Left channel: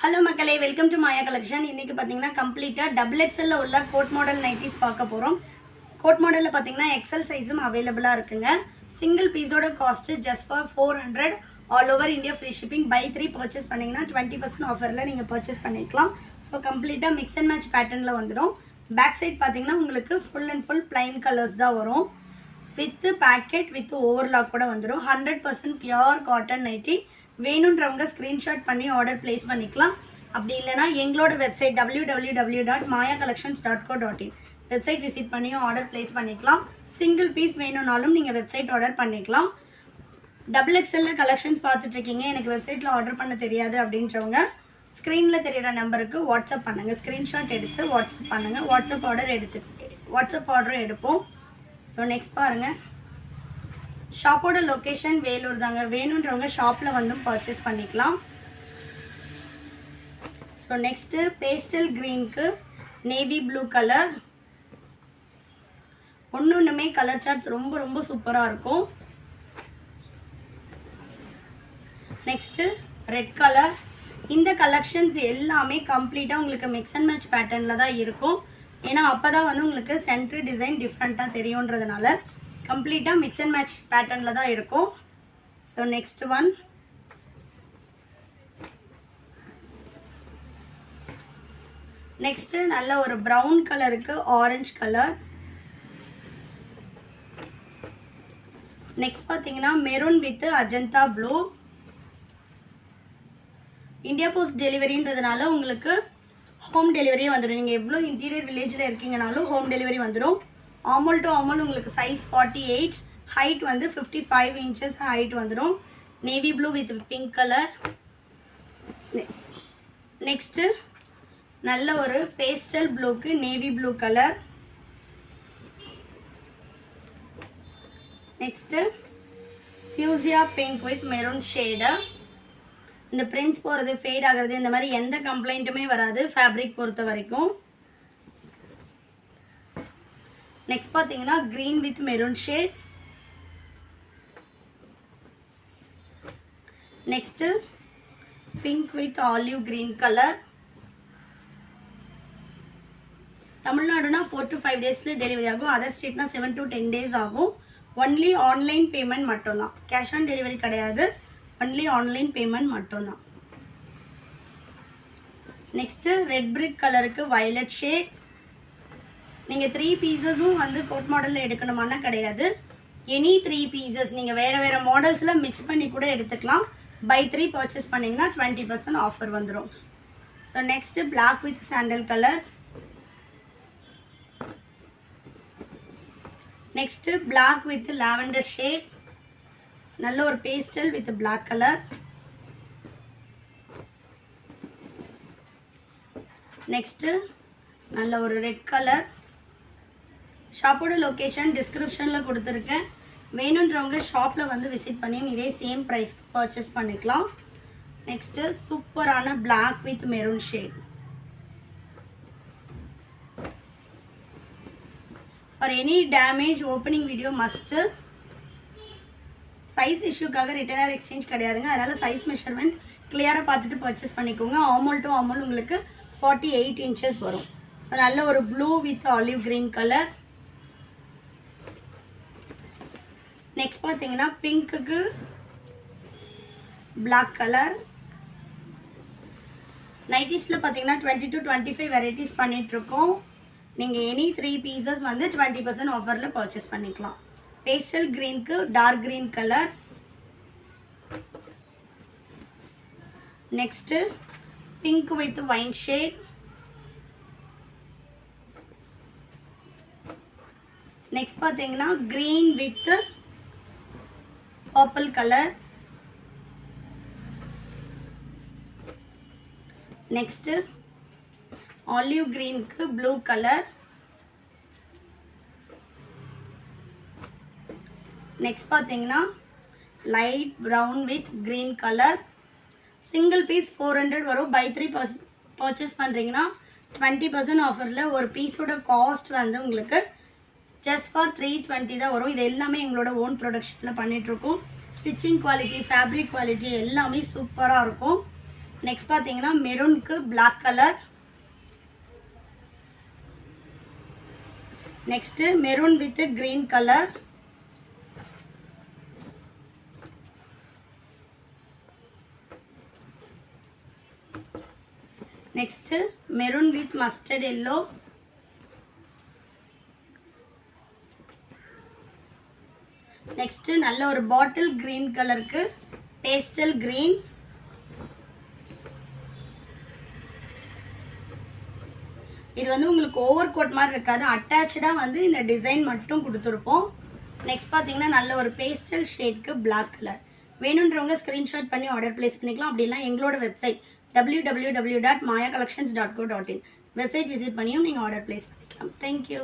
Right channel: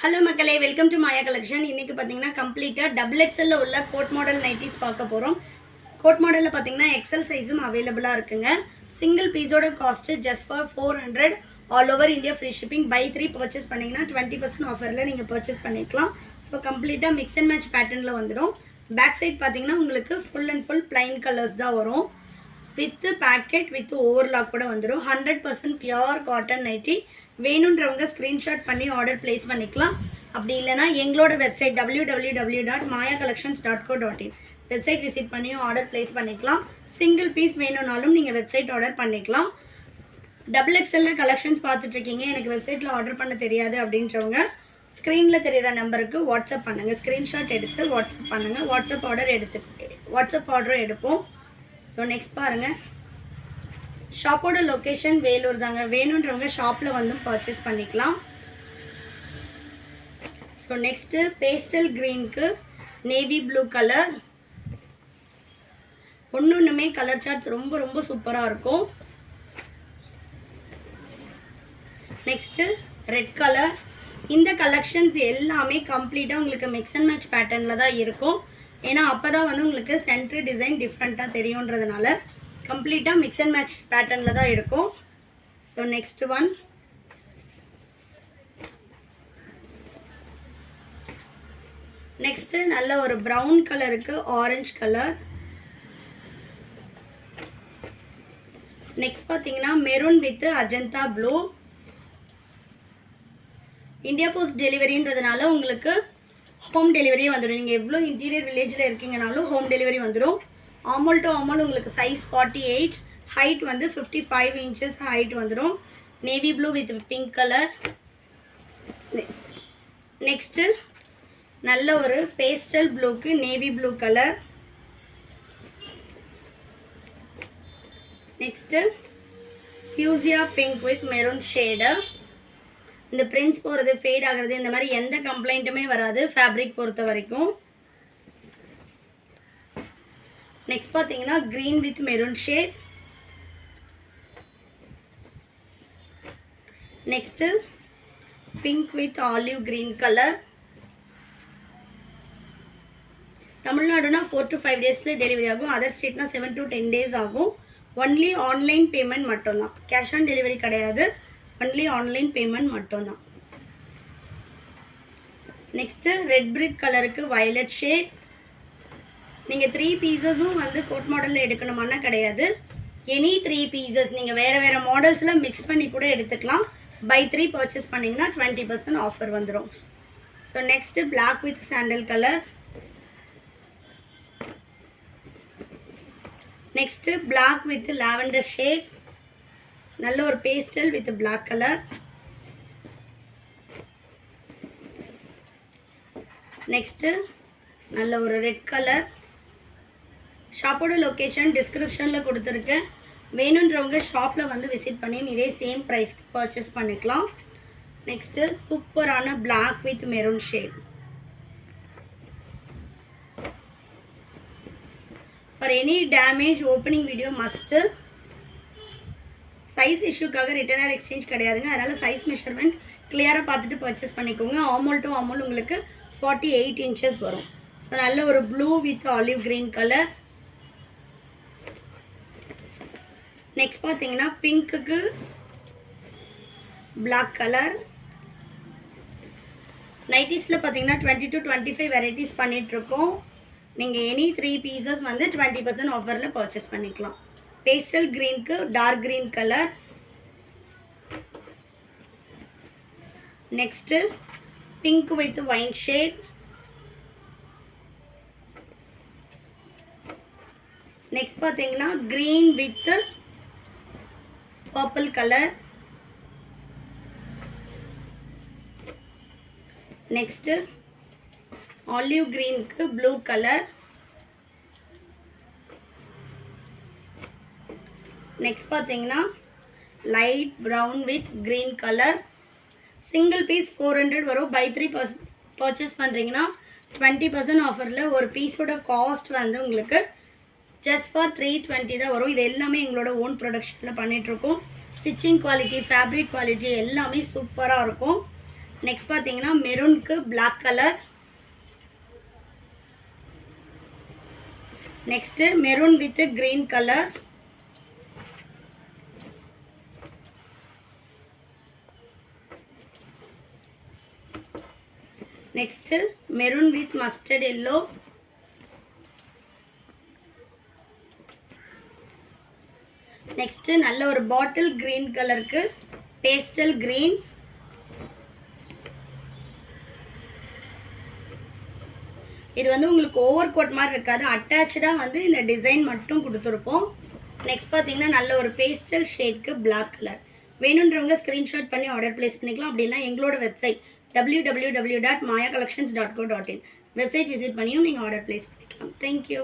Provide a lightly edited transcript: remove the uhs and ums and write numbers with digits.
Hello மக்களே, welcome to Maya collection. இன்றைக்கி பார்த்தீங்கன்னா கம்ப்ளீட்டாக டபுள் எக்ஸலில் உள்ள கோட் மாடல் நைட்டிஸ் பார்க்க போகிறோம். கோட் மாடலில் பார்த்தீங்கன்னா எக்ஸல் சைஸும் அவைலபிளாக இருக்குங்க. சிங்கிள் பீஸோட cost just for 400. All over India free shipping. Buy 3 purchase பண்ணிங்கன்னா 20% ஆஃபரில் நீங்கள் பர்ச்சேஸ் பண்ணிக்கலாம். ஸோ கம்ப்ளீட்டாக மிக்ஸ் அண்ட் மேட்ச் பேட்டர்னில் வந்துடும். பேக் சைட் பார்த்தீங்கன்னா உங்களுக்கு full and full plain colours தான் வரும். வித் பேக்கெட் வித் ஓவர்லாக் கூட வந்துடும். 100% பியூர் காட்டன் நைட்டி. வேணுன்றவங்க ஸ்க்ரீன்ஷாட் பண்ணி ஆர்டர் ப்ளேஸ் பண்ணிக்கலாம். அப்படி இல்லைனா எங்களோட வெப்சைட் www.mayacollections.co.in வெப்சைட் விசிட் பண்ணியும் ஆர்டர் ப்ளேஸ் பண்ணிக்கலாம். சிங்கிள் பீஸ் வேணும்னாலும் நீங்கள் வெப்சைட் ஆர்டர் பண்ணிக்கலாம். டபுள் எக்ஸலில் கலெக்ஷன்ஸ் பார்த்துட்ருக்கீங்க, எனக்கு வெப்சைட்டில் ஆர்டர் பண்ண தெரியாது அப்படின்றவங்க ஸ்க்ரீனில் தெரிகிற நம்பருக்கு வாட்ஸ்அப் பண்ணுங்கள். ஸ்க்ரீன்ஷாட் எடுத்து வாட்ஸ்அப் பண்ணுங்கள். வாட்ஸ்அப் ஆர்டர் எடுப்போம். ஸோ நெக்ஸ்ட் பாருங்கள். ஷாப்போட லொக்கேஷன் வேலூர் தாங்க. வேணுன்றவங்க ஷாப்பில் வந்து பர்ச்சேஸ் பண்ணிக்கலாம். ஸோ நெக்ஸ்ட்டு பேஸ்டல் க்ரீனுக்கு நேவி ப்ளூ கலர். ஒன்றுமே கலர் சார்ட்ஸ் ரொம்ப ரொம்ப சூப்பராக இருக்கும். Next red colour. இந்த கலெக்ஷன்ஸ் எல்லாமே கம்ப்ளீட்டாக உங்களுக்கு மிக்ஸ் அண்ட் மேட்ச் பேட்டர்னில் தான் இருக்கும். ஏன்னா அப்போ தான் வந்து உங்களுக்கு சென்டர் டிசைன் டிஃப்ரெண்ட்டாக தெரியுன்றதுனால கம்ப்ளீட்டாக மிக்ஸ் அண்ட் மேட்ச் பேட்டர்னில் தான் இருக்கும். ஸோ நெக்ஸ்ட் ஒன் நெக்ஸ்ட்டு நல்ல ஒரு ப்ரௌன் கலருக்கு ஆரஞ்சு கலர். நெக்ஸ்ட் பார்த்தீங்கன்னா maroon with Ajanta blue. India post டெலிவரின்றதுனால உங்களுக்கு ஹோம் டெலிவரியே வந்துடும். நீங்கள் எவ்வளோ இன்டீரியர் வில்லேஜில் இருக்கீங்கனாலும் ஹோம் டெலிவரி வந்துடும். ஆமல் டு ஆமல் உங்களுக்கு சைஸ் 48, ஹைட் வந்து 55 இன்ச்சஸ் ஹைட் வந்துடும். Navy blue with pink colour. Next நல்ல ஒரு பேஸ்டல் ப்ளூக்கு navy blue colour. Next fuchsia pink with maroon shade. இந்த பிரிண்ட்ஸ் போகிறது ஃபேட் ஆகிறது இந்த மாதிரி எந்த கம்ப்ளைண்ட்டுமே வராது ஃபேப்ரிக் பொறுத்த வரைக்கும். நெக்ஸ்ட் பார்த்தீங்கன்னா green with maroon shade. Next pink with olive green colour. தமிழ்நாடுனா 4 to 5 டேஸில் டெலிவரி ஆகும். அதர் ஸ்டேட்னா 7 to 10 டேஸ் ஆகும். ஒன்லி ஆன்லைன் பேமெண்ட் மட்டும்தான். கேஷ் ஆன் டெலிவரி கிடையாது. ஒன்லி ஆன்லைன் பேமெண்ட் மட்டும்தான். நெக்ஸ்ட்டு ரெட் பிரிக் கலருக்கு வயலட் ஷேட். நீங்கள் 3 பீசஸும் வந்து கோட் மாடலில் எடுக்கணுமானா கிடையாது. எனி 3 பீசஸ் நீங்கள் வேறு மாடல்ஸில் மிக்ஸ் பண்ணி கூட எடுத்துக்கலாம். பை 3 பர்ச்சேஸ் பண்ணிங்கன்னா 20% ஆஃபர் வந்துடும். So next black with sandal colour. Next black with lavender shade. நல்ல ஒரு pastel with black colour. Next நல்ல ஒரு ரெட் கலர். ஷாப்போட லொக்கேஷன் டிஸ்கிரிப்ஷனில் கொடுத்துருக்கேன். வேணுன்றவங்க ஷாப்பில் வந்து விசிட் பண்ணியும் இதே சேம் ப்ரைஸ்க்கு பர்ச்சேஸ் பண்ணிக்கலாம். நெக்ஸ்ட்டு சூப்பரான black with maroon shade. For any damage opening video must. Size இஷ்யூக்காக ரிட்டர்ன் ஆர் எக்ஸ்சேஞ்ச் கிடையாதுங்க. அதனால் சைஸ் மெஷர்மெண்ட் கிளியராக பார்த்துட்டு பர்ச்சேஸ் பண்ணிக்கோங்க. ஆமல் டு ஆமல் உங்களுக்கு 48 இன்ச்சஸ் வரும். ஸோ நல்ல ஒரு blue with olive green colour. Next பார்த்தீங்கன்னா பிங்க்குக்கு பிளாக் கலர். நைட்டிஸில் பார்த்தீங்கன்னா 20 to 25 வெரைட்டிஸ் பண்ணிகிட்ருக்கோம். நீங்கள் எனி 3 பீசஸ் வந்து 20% ஆஃபரில் பர்ச்சேஸ் பண்ணிக்கலாம். பேஸ்டல் க்ரீனுக்கு dark green colour. Next pink with wine shade. Next பார்த்தீங்கன்னா green with purple colour. Next olive க்ரீனுக்கு ப்ளூ கலர். நெக்ஸ்ட் பார்த்தீங்கன்னா light brown with green colour. Single piece 400 வரும். பை 3 பர்ச்சேஸ் பண்ணுறீங்கன்னா 20% ஆஃபரில் ஒரு பீஸோட காஸ்ட் வந்து உங்களுக்கு ஜஸ்ட் ஃபார் 320 தான் வரும். இது எல்லாமே எங்களோட ஓன் ப்ரொடக்ஷனில் பண்ணிகிட்ருக்கோம். ஸ்டிச்சிங் குவாலிட்டி, ஃபேப்ரிக் குவாலிட்டி எல்லாமே சூப்பராக இருக்கும். நெக்ஸ்ட் பார்த்தீங்கன்னா மெரூனுக்கு black colour. Next maroon with green colour. Next maroon with mustard yellow. Next நல்ல ஒரு பாட்டில் கிரீன் கலருக்கு பேஸ்டல் கிரீன். இது வந்து உங்களுக்கு ஓவர் கோட் மாதிரி இருக்காது, அட்டாச்சாக வந்து இந்த டிசைன் மட்டும் கொடுத்துருப்போம். நெக்ஸ்ட் பார்த்தீங்கன்னா நல்ல ஒரு பேஸ்டல் ஷேட்க்கு பிளாக் கலர். வேணுன்றவங்க ஸ்க்ரீன்ஷாட் பண்ணி ஆர்டர் பிளேஸ் பண்ணிக்கலாம். அப்படின்னா எங்களோட வெப்சைட் www.mayacollections.co.in வெப்சைட் விசிட் பண்ணியும் நீங்கள் ஆர்டர் பிளேஸ் பண்ணிக்கலாம். தேங்க்யூ.